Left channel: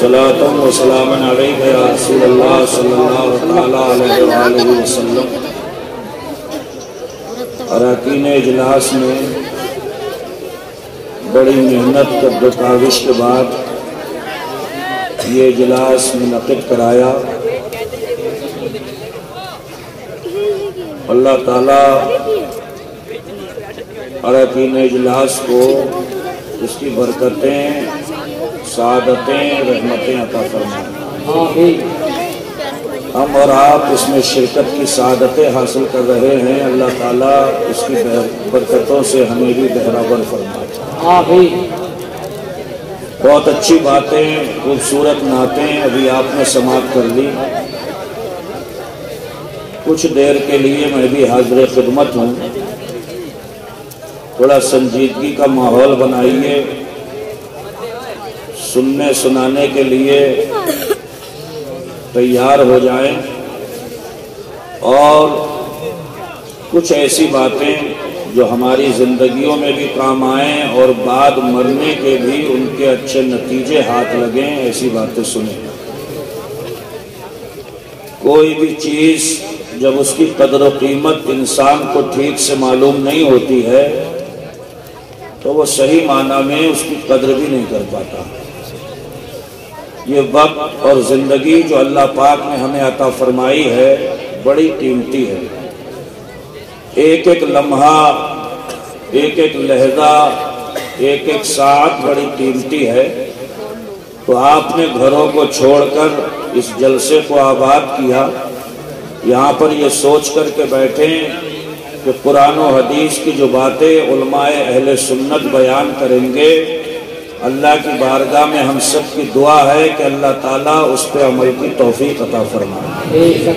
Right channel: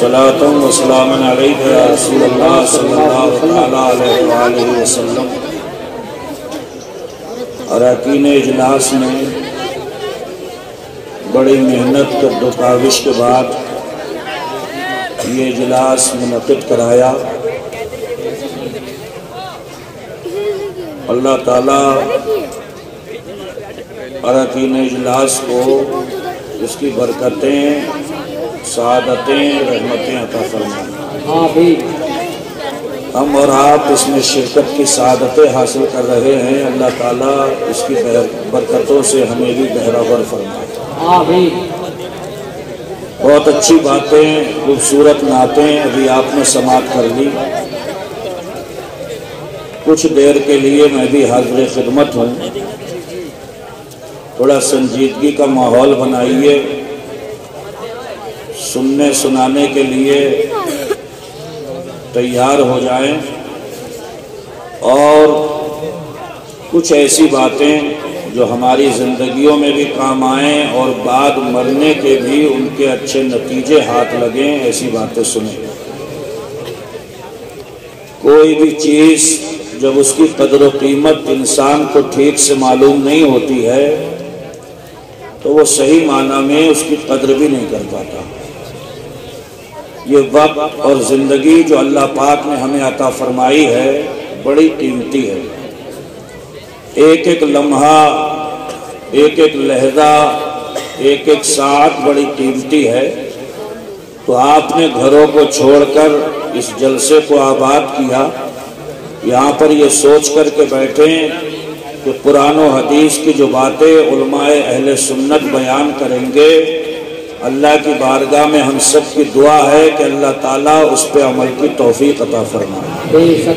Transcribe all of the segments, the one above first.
صلاۃ و سلام علیک یا رسول اللہ صلی اللہ علیہ وآلہ وسلم۔ اراکین اجلاس میں بڑی محنت کر و کاوش کے بعد یہ اجلاس منعقد کرایا۔ اللہ تعالیٰ اراکین اجلاس کو اس کی برکتیں، سعادتیں، رحمتیں عطا فرمائیں۔ ہم اور آپ اس میں شرکت کی سعادتیں حاصل کر رہے ہیں، اللہ تعالیٰ اس کی برکتوں سے ہمیں بھی بہرور فرمائے۔ بہت اچھی باتیں، خوبصورت نعتیں ابھی آپ نے سماعت کر لی۔ کچھ دیر کے لیے میں بھی حاضر خدمت ہوں، تھوڑا سنجیدگی کا ماحول بنائیے، سننے سنانے کے لیے تیار ہو جائیں، اور کچھ ایسی باتیں جو ہماری زندگیوں میں بھی کام آئیں اور بعد مرنے کے بھی ان کے اچھے نتیجے ہاتھ لگیں، ایسی باتیں سنیں۔ کوئی بھی چیز جب اس کی قدر و قیمت انسان کو ٹھیک سے معلوم نہیں ہوتی ہے تو وہ صحیح معنی میں اس کی قدر بھی نہیں کر پاتا۔ یہ وقت اور زندگی جو اللہ پاک نے ہمیں عطا فرمائی ہے بڑی قیمتی ہے۔ ایک ایک لمحہ، ایک ایک لہجہ، ایک ایک ساعت بڑی قیمتی ہے۔ تو آپ نے گھروں کو چھوڑ کر اس جلسے کو آباد کیا، یہاں پر یہ سوچ کر کے بیٹھیں کہ قرآن و حدیث کی جو باتیں علماء اہل سنت بیان کریں گے، اللہ کی بارگاہ میں ہم سب کی دعا ہے کہ اللہ تعالیٰ اس پہ عمل کی توفیق عطا فرمائے۔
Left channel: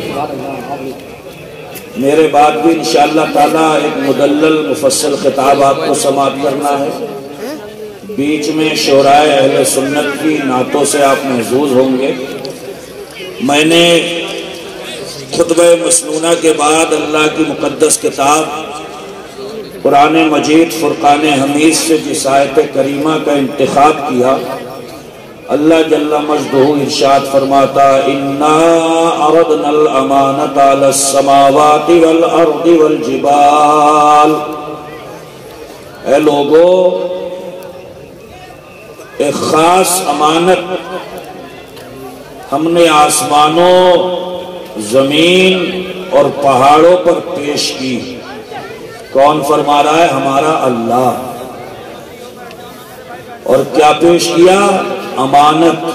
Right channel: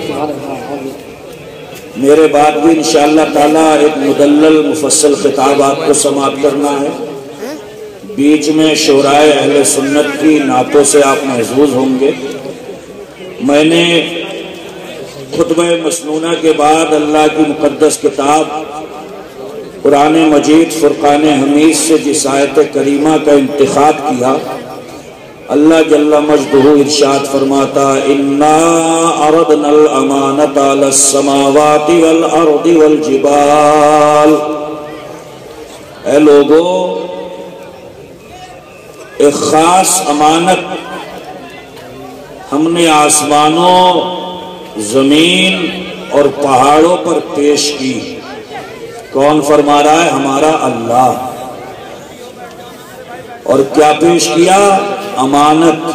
میرے بعد بھی انشاءاللہ تعالیٰ ایک مدلل مفصل خطاب آپ کو سماعت کرنا ہے، بیچ میں شعراء اہل سنت کی نعتوں سے آپ محظوظ ہوں گے۔ میں نے خطبہ مسنونہ کے بعد اللہ کی مقدس کتاب قرآن مجید فرقان حمید سے جس آیت کریمہ کا انتخاب کیا، اللہ جل مجدہ ارشاد فرماتا، اِنَّا عَرَضْنَا الْأَمَانَةَ عَلَى السَّمَاوَاتِ وَالْأَرْضِ وَالْجِبَالِ۔ اے لوگو، ایک خاص امانت ہم نے آسمانوں، زمین اور پہاڑوں پر پیش کی۔ کون فرما رہا ہے؟ ہمارا اللہ۔ اور کیا پیش کیا؟ امانت۔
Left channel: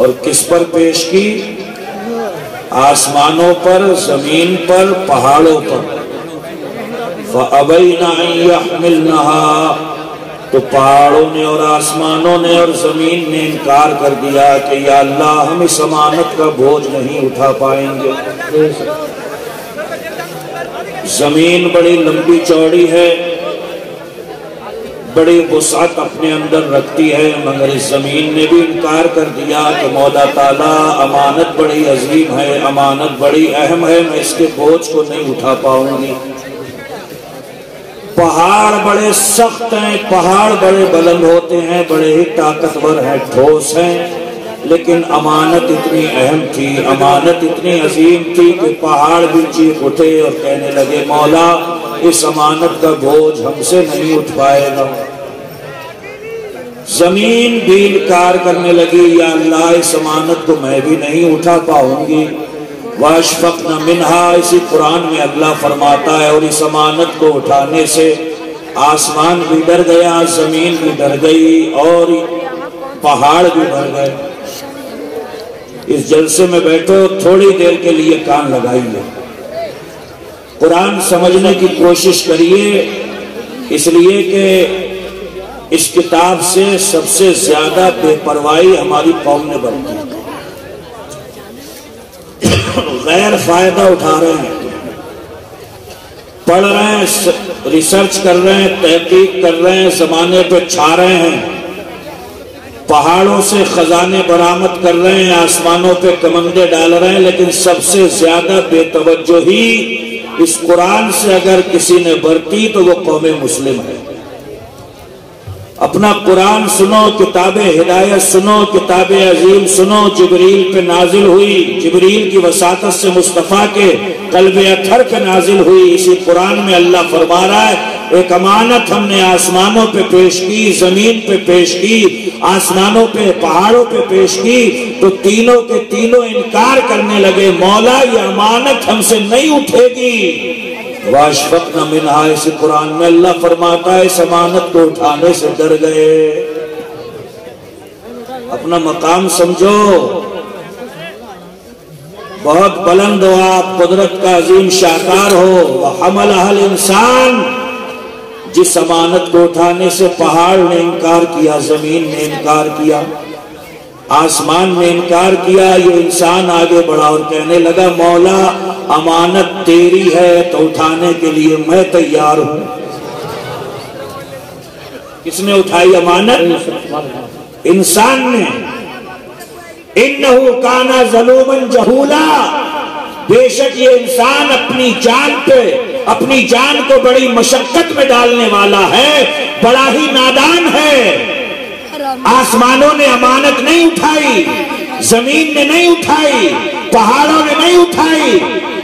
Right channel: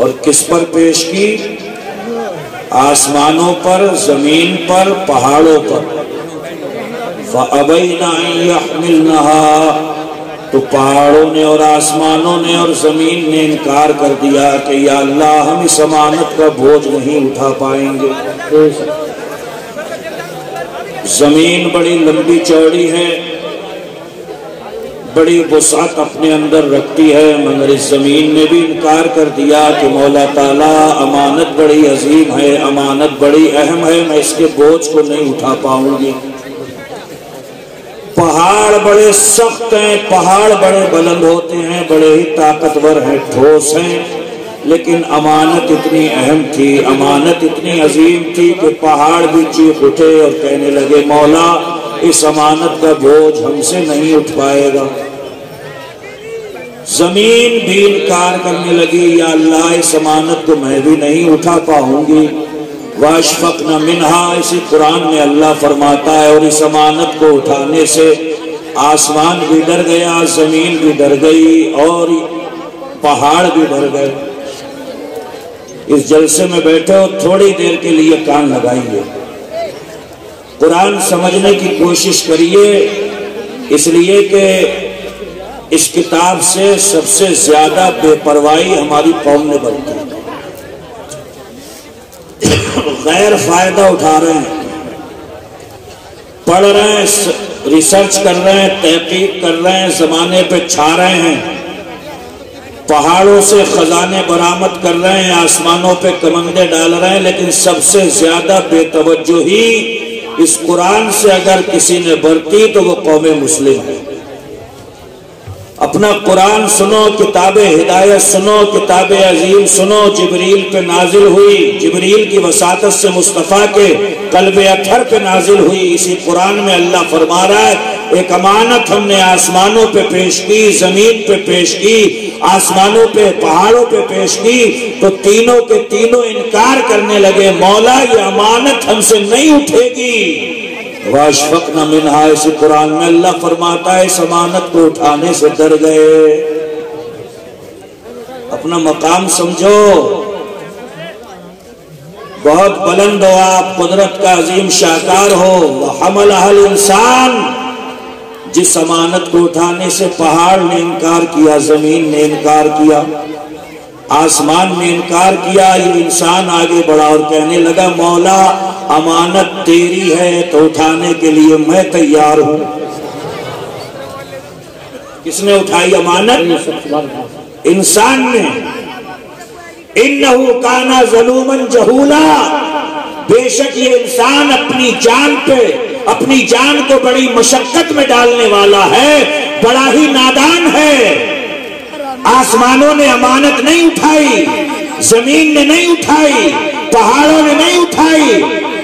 اور کس پر پیش کی؟ آسمانوں پر، زمین پر، پہاڑوں پر۔ فَأَبَيْنَ أَن يَحْمِلْنَهَا، تو پہاڑوں نے اور آسمانوں نے اور زمین نے انکار کر دیا کہ یا اللہ ہم اس امانت کا بوجھ نہیں اٹھا پائیں گے۔ زمین بڑی لمبی چوڑی ہے، بڑی وسعت اپنے اندر رکھتی ہے، مگر اس زمین نے بھی انکار کر دیا کہ مولا تعالیٰ امانت بڑی عظیم ہے، امانت بڑی اہم ہے، میں اس کے بوجھ کو نہیں اٹھا پاؤں گی۔ پہاڑ بڑے سخت ہیں، پہاڑ بڑے بلند ہوتے ہیں، بڑے ہی طاقتور ہیں، ٹھوس ہیں، لیکن امانت اتنی اہم تھی، امانت اتنی عظیم تھی کہ پہاڑ بھی چیخ اٹھے اور کہنے لگے مولا اس امانت کا بوجھ ہم سے نہیں اٹھ پائے گا۔ زمین بھی انکار کرنے لگی، یا اللہ اس امانت کو میں بھی نہیں اٹھا پاؤں گی۔ وَأَشْفَقْنَ مِنْهَا، اسی قرآن میں اللہ فرماتا ہے، اور اس امانت کو اٹھانے سے آسمان بھی ڈر گیا، زمین بھی ڈر گئی اور پہاڑ بھی ڈر گئے۔ اس جلسے میں بیٹھو، تھوڑی دیر کے لیے کان لگائیے، قرآن سمجھنے کی کوشش کریے، اس لیے کہ اس کتاب سے سب سے زیادہ بے پرواہی ہماری قوم نے برتی ہے۔ غیر فائدہ اٹھا رہے ہیں، پڑھ رہے ہیں، ریسرچ کر رہے ہیں، تحقیق کر رہے ہیں، زمانے پہ چھا رہے ہیں، پہاڑوں سے خزانے برآمد کر رہے ہیں، آسمانوں پہ کمندے ڈال رہے ہیں، لیکن سب سے زیادہ بے توجہی اس قرآن سے اگر کسی نے برتی تو وہ قوم مسلم ہے۔ اپنا قرآن سنو، کتاب ہدایت سنو، کتاب عظیم سنو، جبریل پہ نازل ہوئی، جبریل کی وساطت سے مصطفیٰ کے قلب اطہر پہ نازل ہوئی۔ اسی قرآن میں اللہ فرما رہا ہے ایک امانت ہم نے آسمانوں پہ پیش کی، زمین پہ پیش کی، آسمانوں پہ پہاڑوں پہ پیش کی، تو تینوں کے تینوں انکار کرنے لگے، مولا یہ امانت ہم سے نہیں اٹھے گی۔ واشفقن منہا، اسی قرآن میں اللہ فرماتا ہے اس امانت کو اٹھانے سے ڈر گئے۔ اپنا مقام سمجھو، بہت بلند ہو آپ، قدرت کا عظیم شاہکار ہو۔ وحملھا الانسان، جس امانت کو اٹھانے سے پہاڑ نے انکار کیا، زمین نے انکار کیا، آسمان نے انکار کیا، یہ انسان آگے بڑھا اور کہنے لگا مولا امانت تیری ہے تو اٹھانے کے لیے میں تیار ہوں۔ کس نے اٹھائی امانت؟ انسان نے۔ انہ کان ظلوما جہولا، بے شک یہ انسان اپنی جان پہ، اپنی جان کو بڑی مشقت میں ڈالنے والا ہے، بڑا ہی نادان ہے۔ آسمانوں نے امانت نہیں اٹھائی، زمین نے نہیں اٹھائی، پہاڑوں نے نہیں اٹھائی،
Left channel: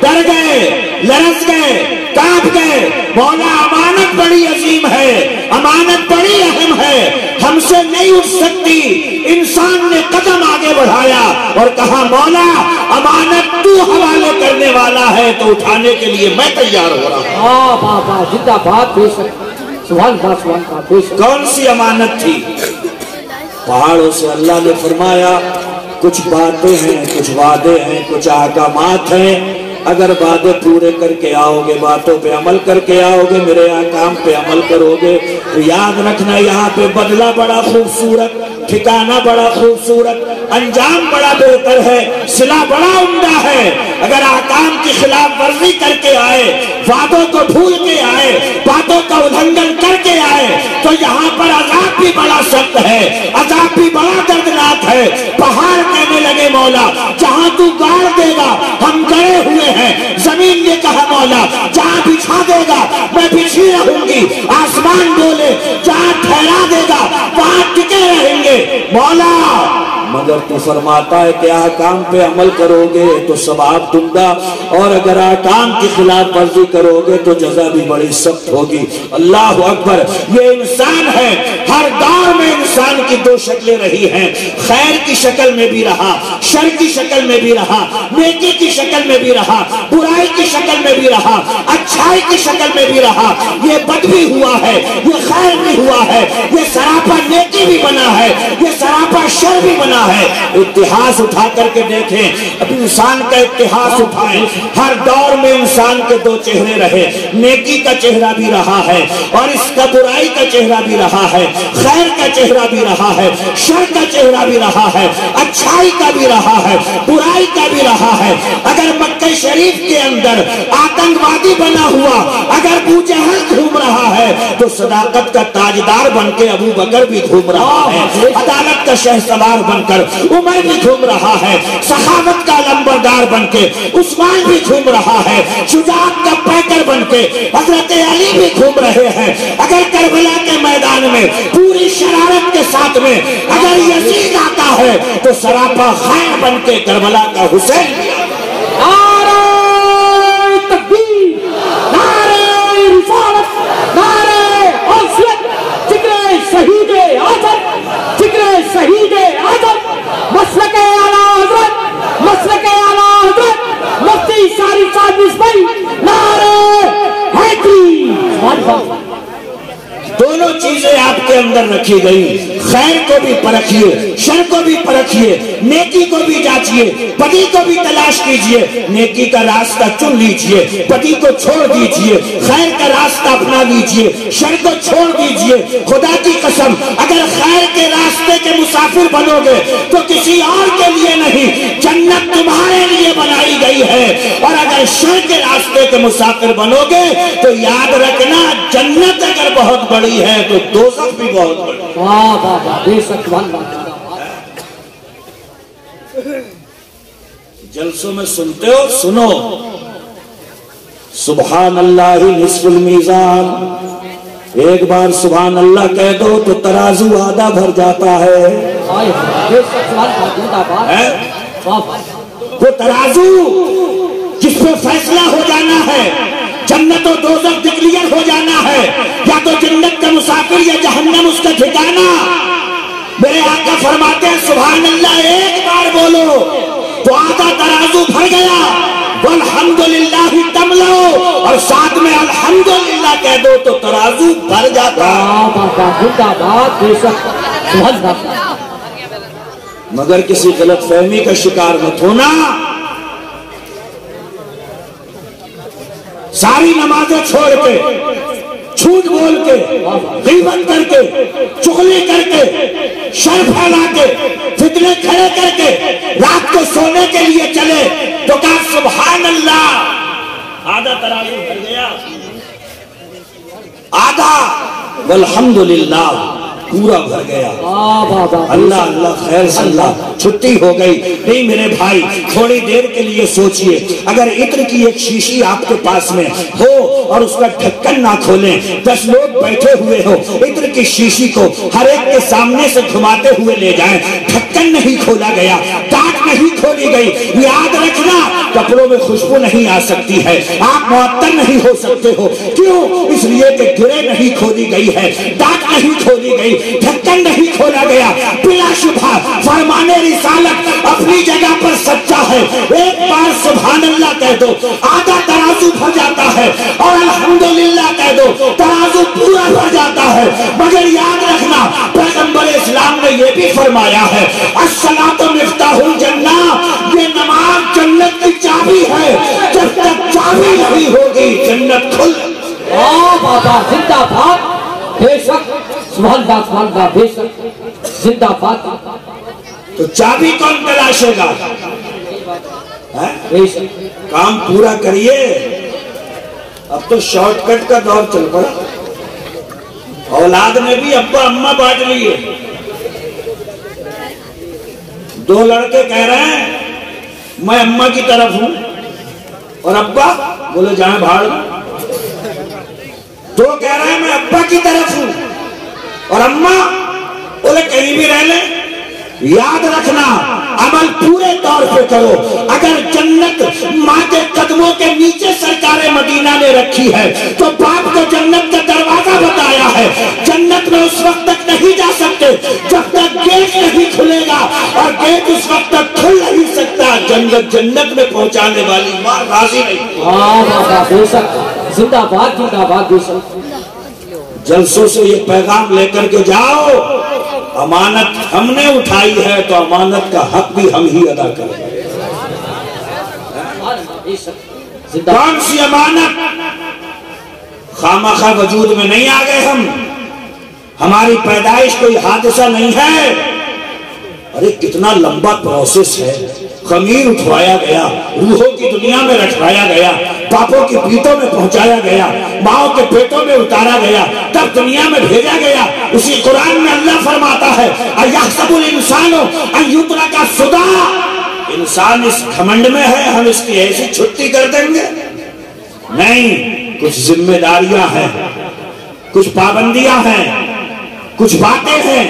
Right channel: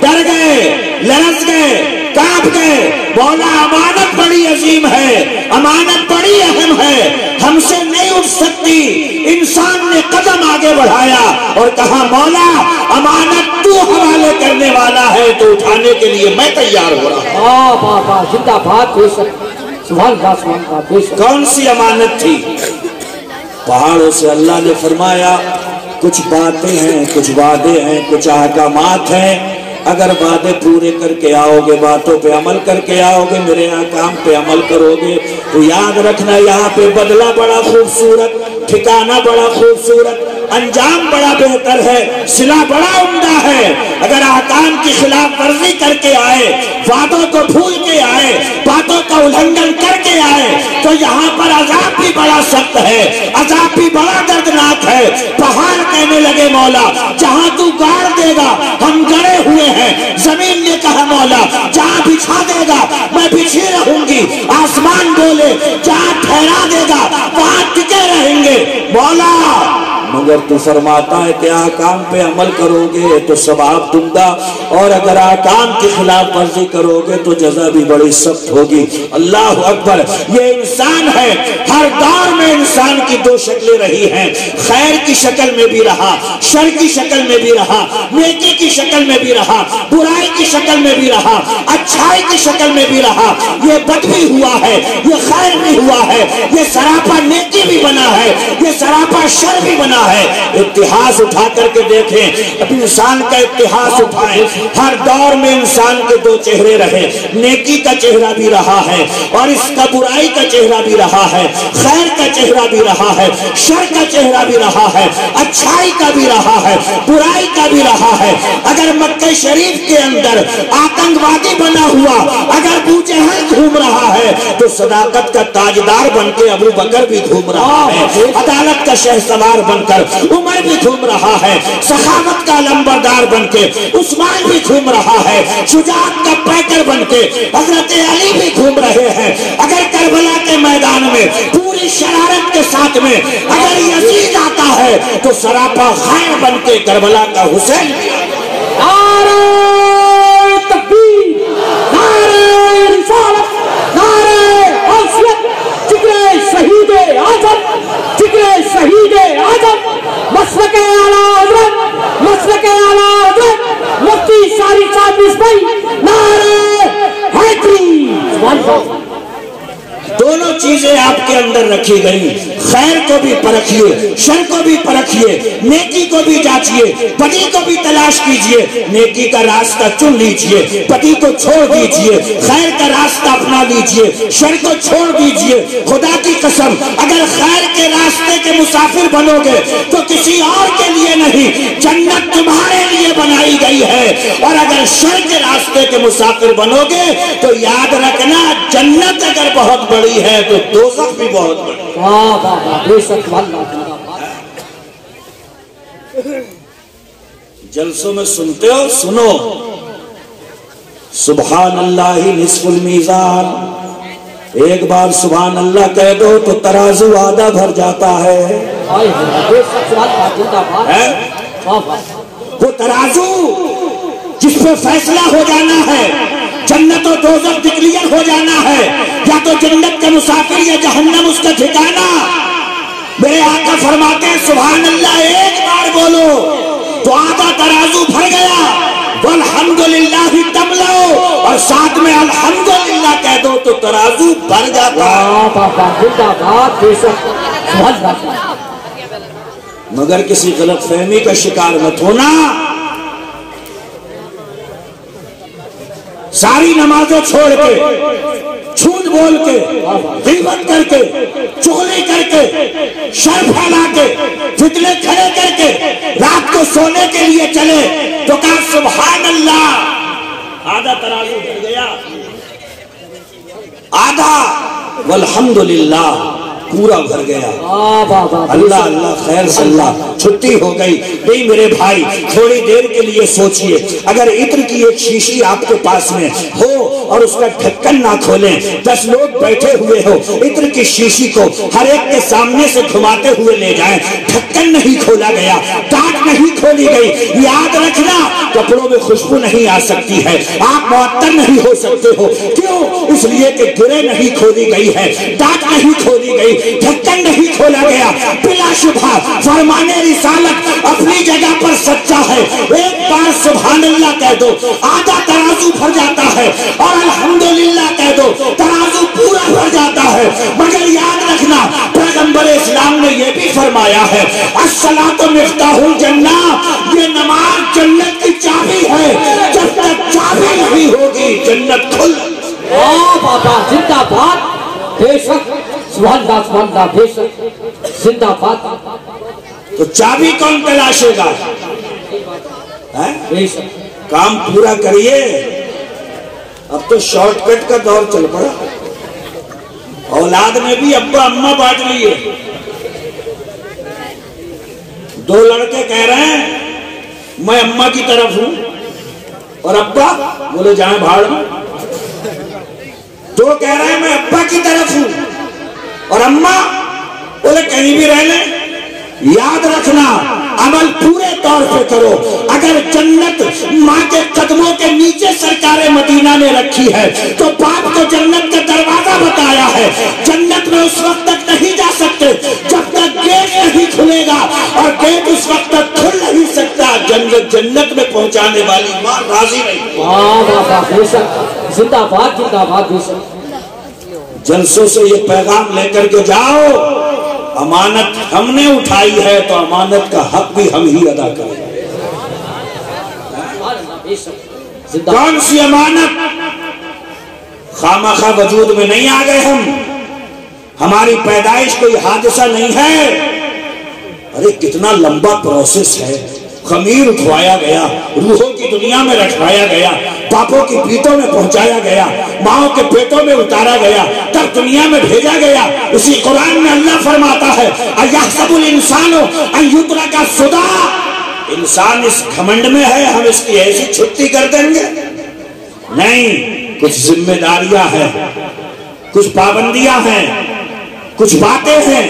ڈر گئے، لرز گئے، کانپ گئے۔ مولا امانت بڑی عظیم ہے، امانت بڑی اہم ہے، ہم سے نہیں اٹھ سکتی۔ انسان نے قدم آگے بڑھایا اور کہا مولا امانت تو حوالے کرنے والا ہے تو اٹھانے کے لیے میں تیار ہو رہا ہوں۔ کون سی امانت تھی؟ پہاڑوں سے اللہ نے فرمایا کچھ باتیں ہیں، کچھ وعدے ہیں، کچھ احکامات ہیں، اگر وعدے پورے کر کے آؤ گے، باتوں پہ عمل کر کے آؤ گے، میرے احکام پہ عمل کرو گے تو یاد رکھنا یہاں پہ بدلہ بڑا خوبصورت، ٹھکانہ بڑا خوبصورت، انجام بڑا بہتر ہے، صلہ بڑا عمدہ ہے۔ اگر احکام کی خلاف ورزی کر کے آئے، وعدوں کو بھول کے آئے، باتوں کا الگھن کر کے آئے تو یہاں پر عذاب بھی بڑا سخت ہے، عذاب بھی بڑا دردناک ہے۔ پہاڑ کہنے لگے مولا جہاں تو گاڑ دے گا ہم گڑے ہوئے ہیں۔ زمین نے کہا مولا جہاں بچھا دے گا میں بچھے رہوں گی۔ آسمان بولے جہاں ٹھہرا دے گا وہاں ٹکے رہیں گے۔ مولا مگر تو فرماتا ہے کہ احکام پہ عمل کرو گے تو ثواب دوں گا، اور اگر احکام کی خلاف ورزی کرو گے تو جزا بھی بڑی سخت ہوگی۔ اللہ اکبر۔ یہ انسان ہے، ہر دور میں انسان کی دو شکلیں رہی ہیں، خیر کی شکل میں بھی رہا، شر کی شکل میں بھی رہا، نیکی کی شکل میں بھی رہا، برائی کی شکل میں بھی رہا، اچھائی کی شکل میں بھی رہا۔ یہ بد بھی ہوا ہے، یہ خیر بھی ہوا ہے، یہ سراپا نیکی بھی بنا ہے، یہ سراپا شر بھی بنا ہے۔ اتہاس اٹھا کر کے دیکھیں، انسان کا اتہاس اٹھائیں، ہر دور میں انسان کے دو چہرے رہے، نیکی کا چہرہ بھی رہا ہے اور اس کا برائی کا چہرہ بھی رہا ہے، خیر کا چہرہ بھی رہا ہے، شر کا چہرہ بھی رہا ہے، اچھائی کا بھی رہا ہے، برائی کا بھی رہا ہے۔ اگر مکہ شریف کے اندر آتنکوادی بنا ہوا اگر ابو جہل گھوم رہا ہے تو صداقت کا تاجدار بن کے ابو بکر بھی گھوم رہا ہے، عدالت کا شہسوار بن کر عمر بھی گھوم رہا ہے، سخاوت کا لمبردار بن کے عثمان بھی گھوم رہا ہے، شجاعت کا پیکر بن کے حضرت علی بھی گھوم رہے ہیں۔ اگر کربلا کے میدان میں پوری شرارت کے ساتھ میں اگر یزید آتا ہے تو سراپا خیر بن کے کربلا کا حسین بھی دونوں چیزیں آپ کے اندر رکھی گئی۔ خیر کو بھی پرکھیے، شر کو بھی پرکھیے، نیکی کو بھی جانچیے، بدی کو بھی تلاش کیجیے۔ نیکی کا راستہ چن لیجیے، بدی کو چھوڑ دیجیے، خیر کا راستہ اپنا لیجیے، شر کو چھوڑ دیجیے۔ خدا کی قسم اگر خیر کے راستے کے مسافر بنو گے تو کسی اور کے لیے نہیں، جنت تمہارے لیے بنائی گئی ہے، اور اگر شر کے راستے کے مسافر بنو گے تو یاد رکھنا جنت اگر بہت بڑی ہے تو دوزخ بھی بہت بڑی ہے۔ جلسوں میں سنتے ہو، سنو سبحان اللہ نصف المیزان ایک بار سبحان اللہ کہہ دو تو ترازو آدھا بھر جاتا ہے۔ وہ ترازو جس پر فیصلہ ہو جانا ہے، جنت و دوزخ ڈکلیئر ہو جانا ہے، یا تو جنت کا مسافر یا جہنم اس کا ٹھکانہ، میرے آقا فرماتے ہیں سبحان اللہ ایک بار بولو تو آدھا ترازو بھر گیا، والحمدللہ تملو، اور ساتھ میں الحمدللہ کہہ دو تو ترازو بھر جاتا ہے۔ مگر کسی غلط فہمی کا شکار مت ہونا۔ ساری نمازیں چھوڑ کے، جھوٹ بول کے، غیبت کر کے، چغلی کر کے، شر پھیلا کے، فتنے کھڑے کر کے رات کو سونے کے لیے چلے تو کہا سبحان اللہ، آدھا ترازو بھر گیا، آدھا والحمدللہ پورا بھر گیا۔ اللہ اللہ خیر سے اللہ چھٹی ہو گئی۔ نہیں میرے بھائی تھوڑی دیر کے لیے سوچئے، اگر عطر کی ایک شیشی آپ کے پاس میں ہو اور اس کا ڈھکن نہ کھولیں، 10 لوگ بیٹھے ہوئے ہو، عطر کی شیشی کو ہر ایک کے سامنے سے گھماتے ہوئے لے جائیں، ڈھکن نہیں کھولا گیا، ڈانٹ نہیں کھولی گئی، یاد رکھنا کپڑوں میں خوشبو نہیں آ سکتی ہے، آپ معطر نہیں ہو سکتے ہو، کیوں؟ اس لیے کہ گرے نہیں کھولی گئی ہے، ڈانٹ نہیں کھولی گئی، ڈھکن نہیں کھولا گیا۔ بلا شبہ فرمان رسالت اپنی جگہ پر سچا ہے۔ ایک بار سبحان اللہ کہہ دو آدھا ترازو بھر جاتا ہے، اور الحمدللہ کہہ دو ترازو پورا بھر جاتا ہے۔ مگر یاد رکھنا پیغمبر اسلام نے یہ بھی فرمایا ہے الصلاۃ مفتاح الجنہ، یہ نماز جنت کی چابی ہے، جب تک چابی نہیں ہوگی جنت کھل۔ بابا زندہ باد، بے شک سبحان اللہ سبحان اللہ، بے شک زندہ باد۔ تو چابی کون تلاشے گا؟ بے شک کام پورا کریے۔ اب تو شارٹ کٹ کا دور چل پڑا، اولاد میں بھی ابا اماں بانٹ لیے۔ 2 لڑکے کہہ رہے ہیں میں اماں کی طرف ہوں، اور ابا بولے جائیں بھاڑ میں۔ 2 کہہ رہے ہیں میں ابا کی طرف ہوں، اور اماں بولے کہیں بھی رہ لیں۔ یاد رکھنا عمل پورے طور پہ کرو۔ اگر جنت ماں کے قدموں کے نیچے سرکار مدینہ نے رکھی ہے تو باپ کو جنت کا دروازہ بتایا ہے۔ جنت میں اس وقت تک نہیں جا سکتے جب تک گیٹ نہیں کھلے گا، اور گیٹ اس وقت تک کھل نہیں سکتا جنت میں پہنچانے والی ماں راضی نہیں۔ زندہ باد زندہ باد۔ بے شک جلسوں سے یہ پیغام لے کر کے جاؤ، امانت ہم نے اٹھائی ہے تو امانت کا حق بھی ہم ہی ادا کریں۔ کون سی امانت؟ خامخواہ وجود میں نہیں آ گئے ہم، ہماری پیدائش کوئی حادثہ نہیں ہے۔ ارے کتنا لمبا پروسیس ہے، خمیر اٹھوایا گیا، روحوں کی دنیا میں رکھوایا گیا، باپوں کی پیٹوں میں پہنچایا گیا، ماؤں کے پیٹوں میں اتارا گیا، تب دنیا میں بھیجا گیا۔ اسی قرآن میں اللہ فرماتا ہے اَيَحْسَبُ الْإِنسَانُ أَن يُتْرَكَ سُدًى، انسان اس گھمنڈ میں ہے ہم اس کی ایسی چھٹی کر دیں گے؟ نہیں، کچھ ذمہ داریاں ہیں، کچھ پابندیاں ہیں، کچھ باتیں ہیں،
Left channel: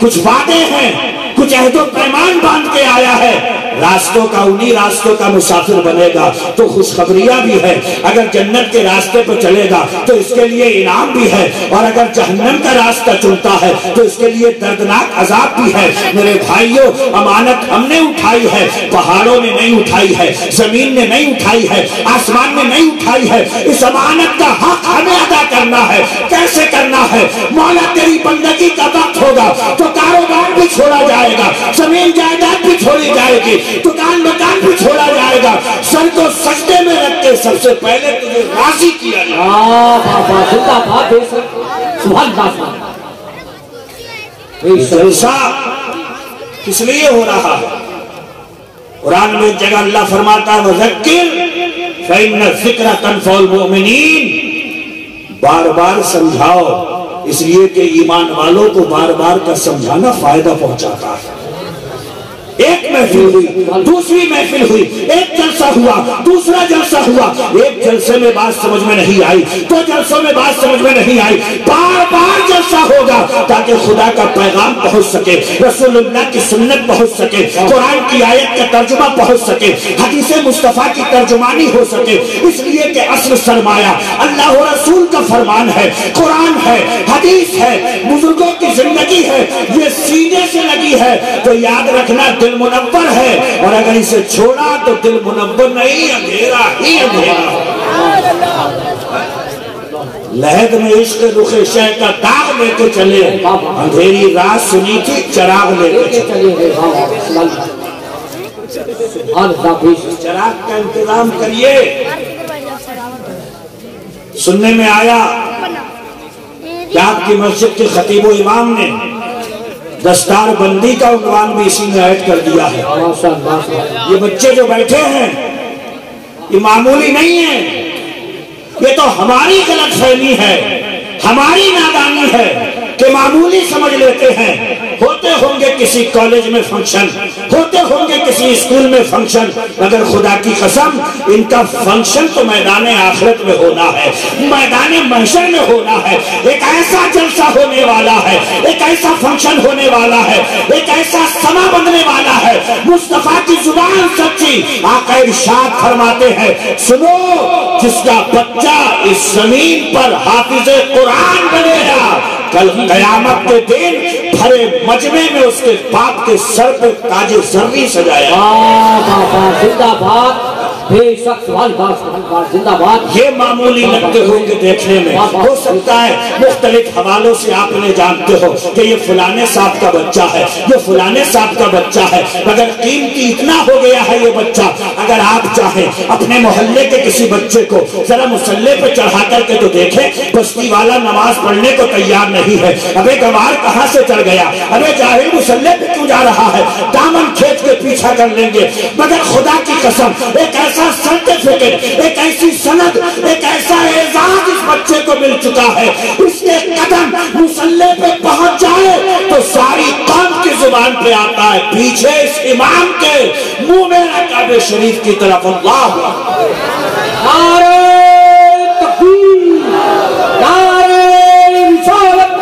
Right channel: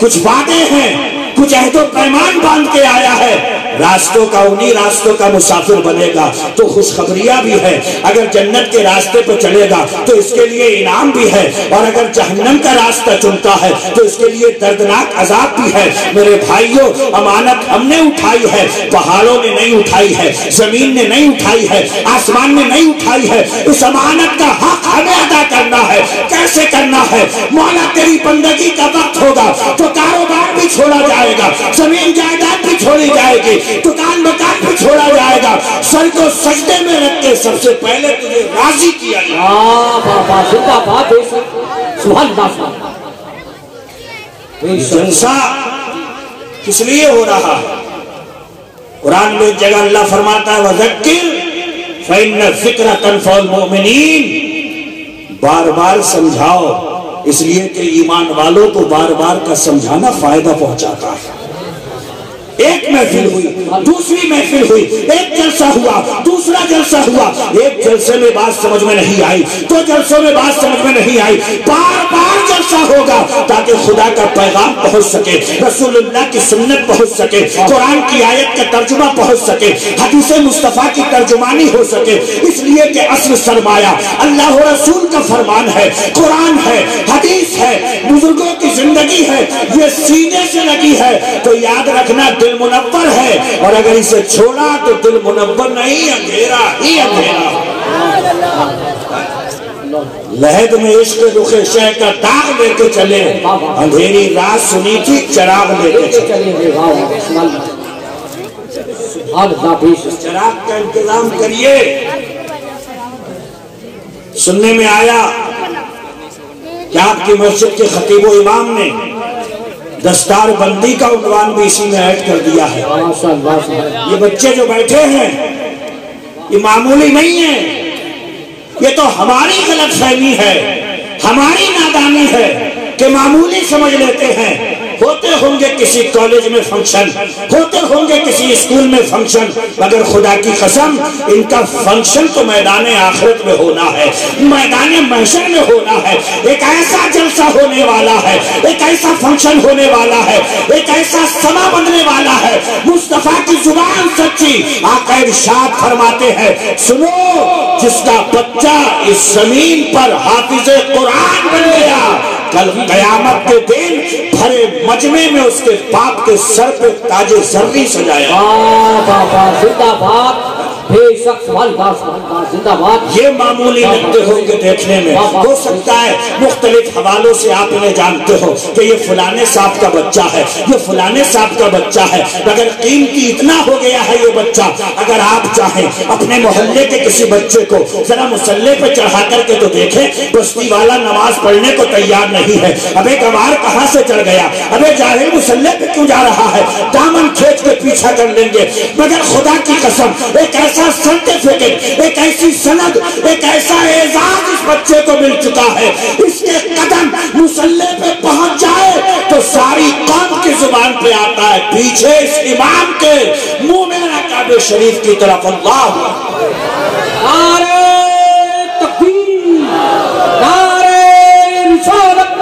کچھ وعدے ہیں، کچھ عہد و پیمان باندھ کے آیا ہے۔ راستوں کا انہی راستوں کا مسافر بنے گا تو خوشخبریاں بھی ہے۔ اگر جنت کے راستے پہ چلے گا تو اس کے لیے انعام بھی ہے، اور اگر جہنم کا راستہ چنتا ہے تو اس کے لیے دردناک عذاب بھی ہے۔ میرے بھائیوں امانت ہم نے اٹھائی ہے، پہاڑوں نے نہیں اٹھائی ہے، زمین نے نہیں اٹھائی ہے، آسمان نے نہیں اٹھائی ہے۔ اس امانت کا حق ہمیں ادا کرنا ہے۔ کیسے کرنا ہے؟ مولا تیری بندگی کا وقت ہوگا تو کاروبار بھی چھوڑا جائے گا، زمین جائیداد بھی چھوڑی جائے گی، دکان مکان بھی چھوڑا جائے گا، سر کو سجدے میں رکھ کے سب سے پہلے تجھے راضی کیا جائے۔ جلسہ کس لیے ہو رہا ہے؟ قرآن میں ایک جگہ اللہ فرماتا ہے وَذَكِّرْ فَإِنَّ الذِّكْرَ تَنفَعُ الْمُؤْمِنِينَ، بار بار سمجھاؤ، اس لیے کہ ایمان والوں کو بار بار کا سمجھانا فائدہ پہنچاتا ہے۔ ایک محفل ہوئی، دوسری محفل ہوئی، ایک جلسہ ہوا، دوسرا جلسہ ہوا، ایک جلسے میں بات سمجھ میں نہیں آئی، دو جلسوں میں بات سمجھ میں نہیں آئی، بار بار جلسہ ہوگا تاکہ خدا کا پیغام پہنچ سکے، رسول اللہ کی سنت پہنچ سکے، قرآن کی آیت کا ترجمہ پہنچ سکے، حدیث مصطفیٰ کی ترجمانی ہو سکے۔ اس لیے کہ اصل سرمایہ اللہ و رسول کا فرمان ہے، قرآن ہے، حدیث ہے، بزرگوں کی زندگی ہے، یہ سینے سے لگی ہے تو یاد رکھنا دل منور ہے، اور اگر اسے چھوڑا تو دل منور نہیں، اندھیرا ہی اندھیرا۔ لہد میں عشق رخ شہ کا داغ لے کے چلے، اندھیری رات سنی تھی چراغ لے کے چلے۔ چراغ کا انتظام کریے۔ سننے میں آیا کہ آپ کی مسجد کے خطیب و امام نے دستار بندی کا عنوان بھی اسی میں ایڈ کر دیا ہے۔ یہ بچے جو بیٹھے ہیں یہ معمولی نہیں ہے، یہ تو ہماری غلط فہمی ہے، ہماری نادانی ہے کہ معمولی سمجھ لیتے ہیں۔ ہوتے ہوں گے کسی کالج میں فنکشن، ہوتے ہوں گے کسی اسکول میں فنکشن، مگر خدا کی قسم ان کا فنکشن تو میدان آخرت میں ہونا ہے، میدان محشر میں ہونا ہے۔ ایک ایسا جلسہ ہونے والا ہے، ایک ایسا فنکشن ہونے والا ہے، ایک ایسا سما بننے والا ہے، مصطفیٰ کی زبان سچی۔ آقا ارشاد فرماتے ہیں، سنو جس کا بچہ اس زمین پر حافظ قرآن بن گیا، کل قیامت کے دن بھرے مجمع میں اس کے باپ کے سر پہ تاج زرری سجایا۔ یہ معمولی لگتے ہوں گے دیکھنے میں، ہو سکتا ہے مختلف حوالوں سے آپ انہیں جانتے ہو کہ یہ فلانے صاحب کا بچہ ہے، یہ فلانے صاحب کا بچہ ہے، مگر قیمتی اتنا ہو گیا ہے یہ بچہ، اگر آپ چاہیں اپنے محلے کے کسی بچے کو ذرا مسلح پہ چڑھا کر کے تو دیکھیں، بستی والا نماز پڑھنے کو تیار نہیں ہے، ابے گوار کہاں سے چڑھ گیا، ابے جاہل مسلح پہ کیوں جا رہا ہے، دامن کھینچ کے پیچھا کر لیں گے۔ مگر خدا کی قسم ایک ایسا سرٹیفکیٹ، ایک ایسی سند، ایک ایسا اعزاز اس بچے کو مل چکا ہے، اس کے قدم مسلح پہ پہنچ جائے تو ساری قوم کی زبان پہ آتا ہے، پیچھے اس امام کے منہ میں کعبہ شریف کی طرف اللہ نعرہ تکبیر، نعرہ رسالت،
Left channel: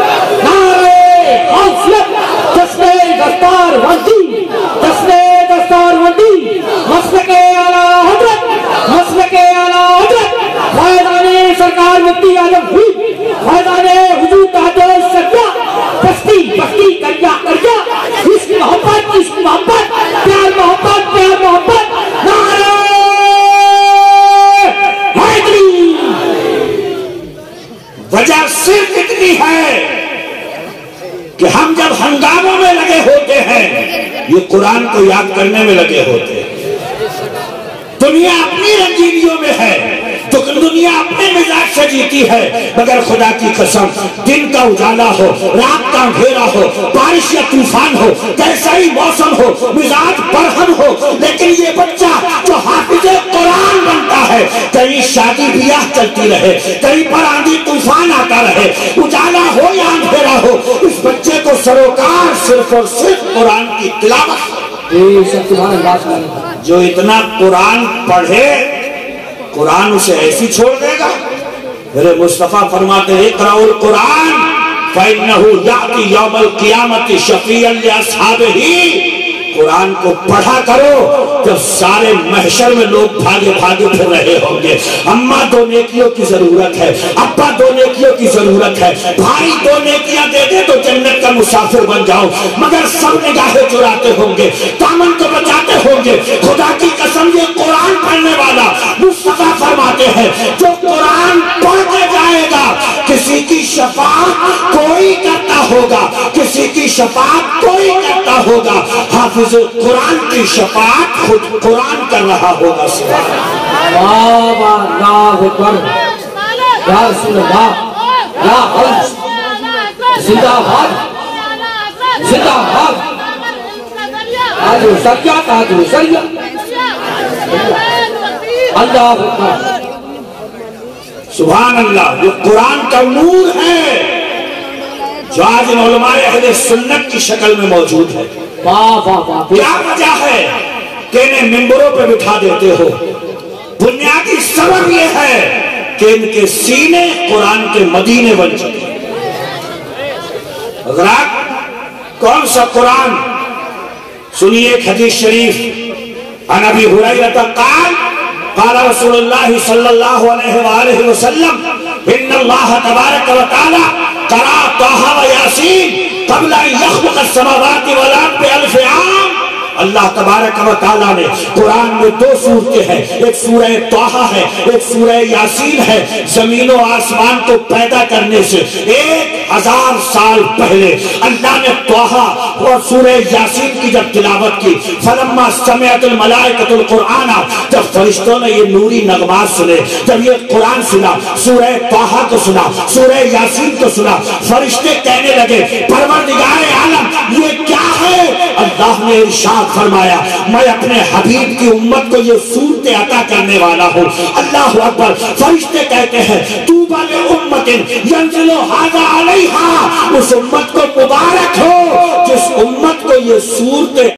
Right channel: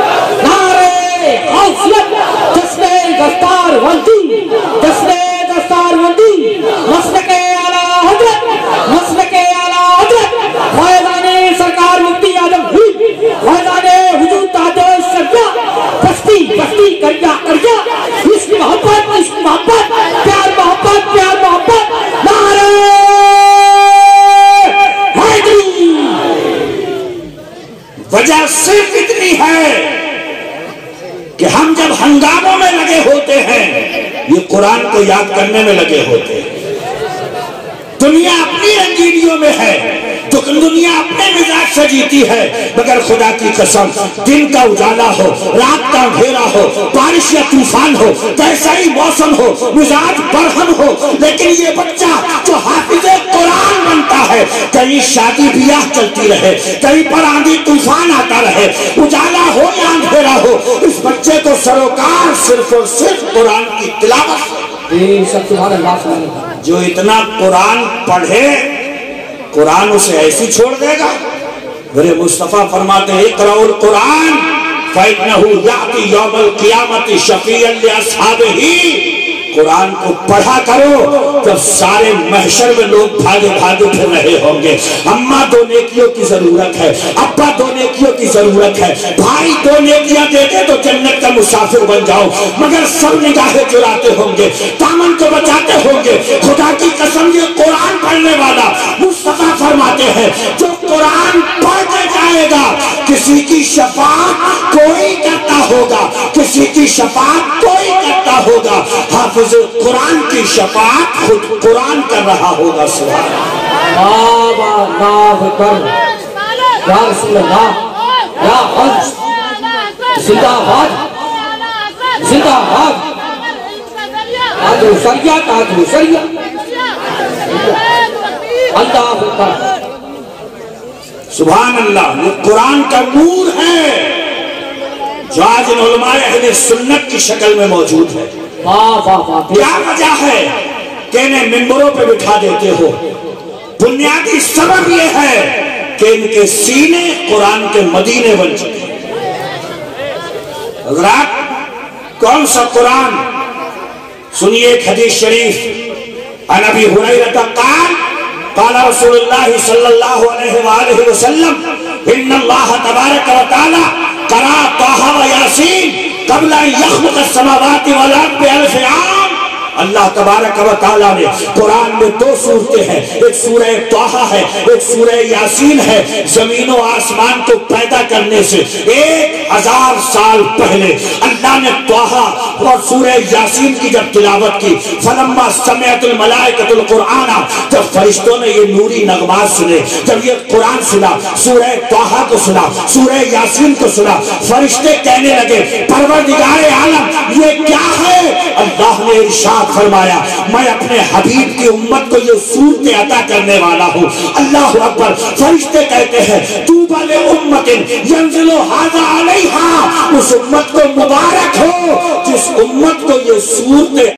نعرہ حوصلت، جشن دستار بندی، جشن دستار بندی، مسلک اعلیٰ حضرت، مسلک اعلیٰ حضرت فیضان سرکار مفتی اعظم ہوئی، فیضان حضور تاج الشریعہ، بستی بستی کریا کریا، عشق محبت، عشق محبت، پیار محبت، پیار محبت، نعرہ حیدری۔ وجہ صرف اتنی ہے کہ ہم جب ہنگاموں میں لگے ہوتے ہیں یہ قرآن کو یاد کرنے میں لگے ہوتے ہیں۔ دنیا اپنی رنگینیوں میں ہے، دنیا اپنے مزاج سے جیتی ہے، مگر خدا کی قسم دن کا اجالا ہو، رات کا اندھیرا ہو، بارش یا طوفان ہو، کیسا ہی موسم ہو، مزاج برہم ہو، لیکن یہ بچہ جو حافظ قرآن بنتا ہے، کہیں شادی بیاہ چلتی رہے، کہیں پر آندھی طوفان آتا رہے، اجالا ہو یا اندھیرا ہو، اس بچے کو سروکار صرف اور صرف قرآن کی تلاوت۔ جو اتنا قرآن پڑھے قرآن اسے ایسی چھوڑ دے گا؟ میرے مصطفیٰ فرماتے ہیں اقرأوا القرآن فإنه يأتي يوم القيامة شفيعا لأصحابه۔ قرآن کو پڑھا کرو جب سارے محشر میں لوگ بھاگے بھاگے پھر رہے ہوں گے، اماں دو نیکیوں کی ضرورت ہے، ابا دو نیکیوں کی ضرورت ہے، بھائی دو نیکیاں دے دے تو جنت کا مسافر بن جاؤ، مگر سب نگاہیں چراتے ہوں گے، دامن کو بچاتے ہوں گے۔ خدا کی قسم یہ قرآن پڑھنے والا مصطفیٰ فرماتے ہیں جو قرآن پڑھنے جائے گا کسی کی شفاعت کوئی کرتا ہوگا، کسی کی شفاعت کوئی کرتا ہوگا، حافظ قرآن کی شفاعت خود قرآن کر رہا ہوگا۔ یا رسول اللہ، یا حج، زندہ باد، زندہ باد، تاج الشریعہ، تاج الشریعہ، اللہ اکبر، سبحان اللہ۔ وہ قرآن کا نور ہے جو آج ان علماء اہل سنت کی شکل میں موجود ہے. کیا وجہ ہے کہ انہیں ممبروں پہ بٹھا دیتے ہو؟ بنیادی سبب یہ ہے کہ ان کے سینے قرآن کے مدینے بن چکے ہیں. حضرات کون سا قرآن؟ سنیے ایک حدیث شریف. عن ابی ہریرہ قال قال رسول اللہ صلی اللہ علیہ وآلہ وسلم ان اللہ تبارک و تعالی قرأ طٰہ و یاسین قبل ان یخلق السماوات والارض بألف عام. اللہ تبارک و تعالیٰ نے قرآن میں دو سورتیں ہیں، ایک سورہ طٰہ ہے، ایک سورہ یاسین ہے. زمین و آسمان کو پیدا کرنے سے 1000 سال پہلے اللہ نے طٰہ اور سورہ یاسین کی جب تلاوت کی، فلما سمعت الملائکۃ القرآن، جب فرشتوں نے یہ نوری نغمات سنے، جب یہ قرآن سنا، سورہ طٰہ کو سنا، سورہ یاسین کو سنا، فرشتے کہنے لگے پروردگار عالم یہ کیا ہے؟ اللہ نے ارشاد فرمایا میں اپنے حبیب کی امت کو یہ صورتیں عطا کرنے والا ہوں. اللہ اکبر. فرشتے کہتے ہیں طوبی لامۃ ینزل ھذا علیہا، اس امت کو مبارک ہو جس امت کو یہ صورتیں